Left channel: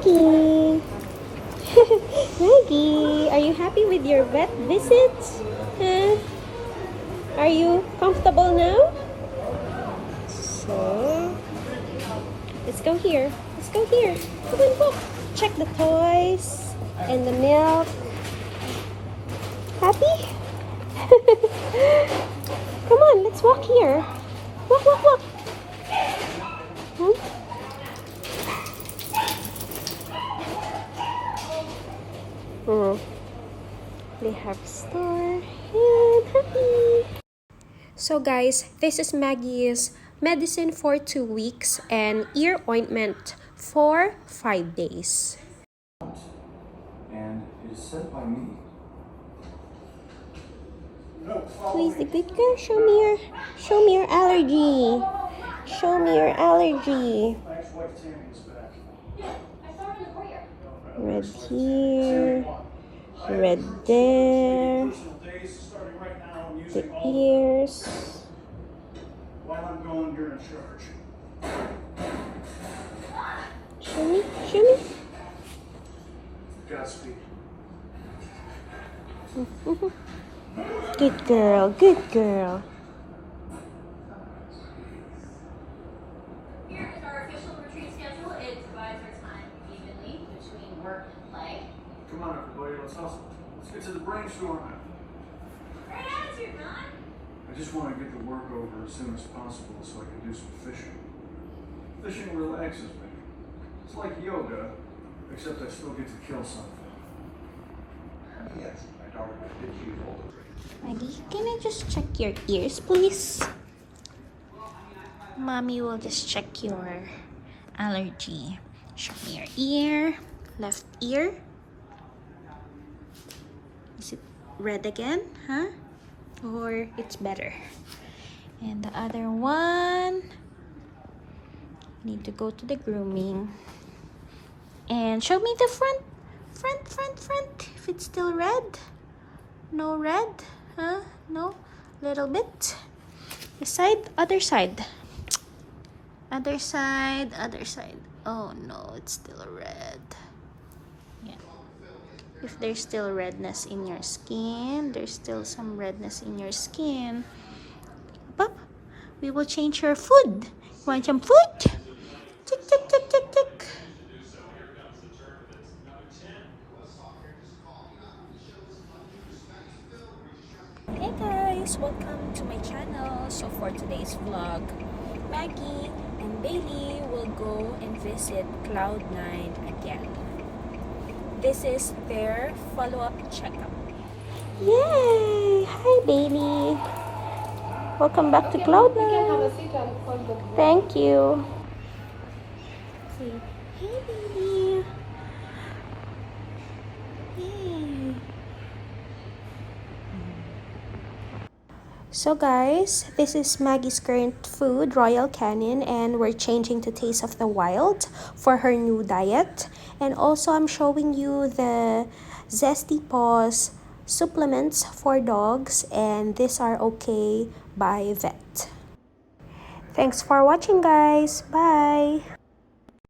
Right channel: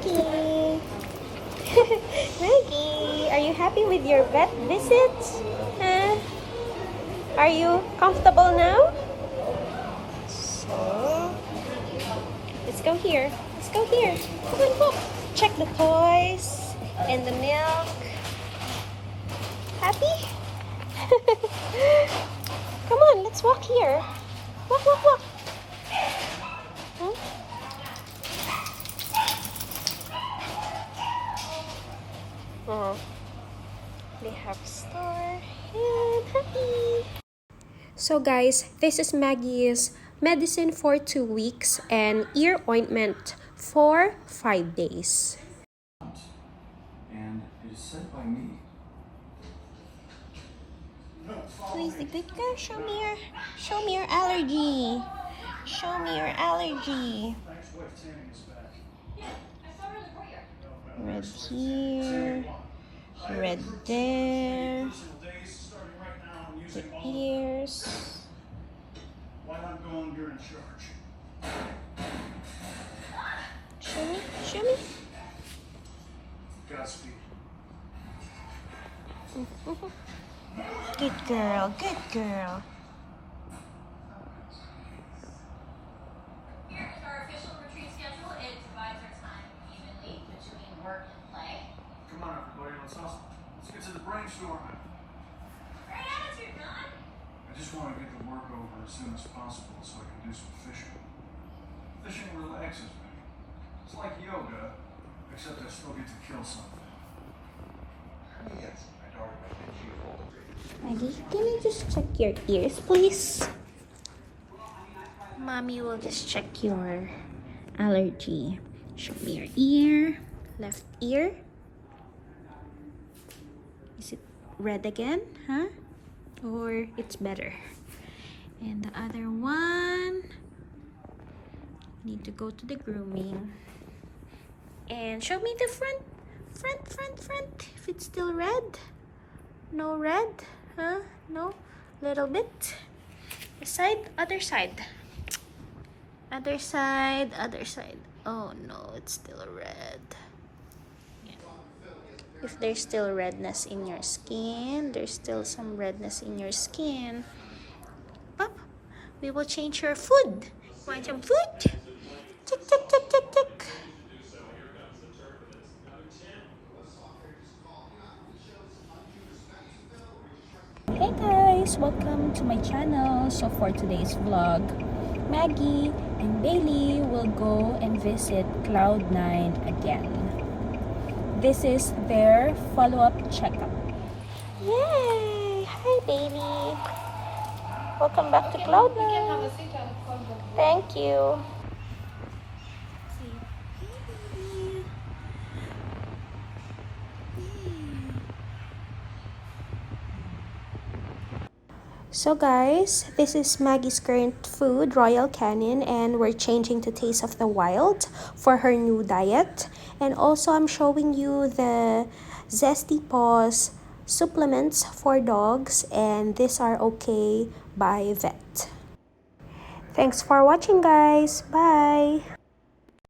Maggie! Maggie, are you happy with your vet visits? Huh? Are you comfortable now? So, let's go here. Let's go here. Come on, look. Check the toys and the milk. Happy? Come on, let's walk here. Walk, walk, walk. Hmm? They have star and happy. So guys, this is Maggie's medicine for 2 weeks and ear ointment for 5 days. And it is sent by me. Please, the good girl, show me your allergy. Show me your allergy. Red here, red there, the ears. While I'm going, you're in charge. Show me, show me. Godspeed. Good girl, good girl. Here is our official retreat schedule. It divides our time evenly between work and play. Come on, everybody, let's hustle. Let's get to the brainstorm. Great attitude, huh? I just want to get the work over as soon as possible so I can do some fishing. Fishing relaxes me. It's like yoga, except I still get to kill something. Yes, my daughter was 50 years old. Maggie, can I just check your ears, please? Mommy will just check your allergy. Show me your ear. Left ear. Is it red again? Huh? Or it's better? And the other one. Need to go to the grooming. And show me the front. Front. If it's still red. No red. Huh? No? Little bit. The side, other side. Other side. Oh no, it's still red. Yeah. If there's still redness in your skin, there's still some redness in your skin, Pop, we will change your food. Want some food? Tick. Hey guys, welcome to my channel. So for today's vlog, Maggie and Bailey will go and visit Cloud9 again. This is their follow-up checkup. Yay! Hi Bailey. Welcome back to Cloud9. Thank you. Say, hey baby. Yay. So guys, this is Maggie's current food, Royal Canin, and we're changing to Taste of the Wild for her new diet. And also I'm showing you the Zesty Paws supplements for dogs, and these are okay by vet. Thanks for watching guys. Bye.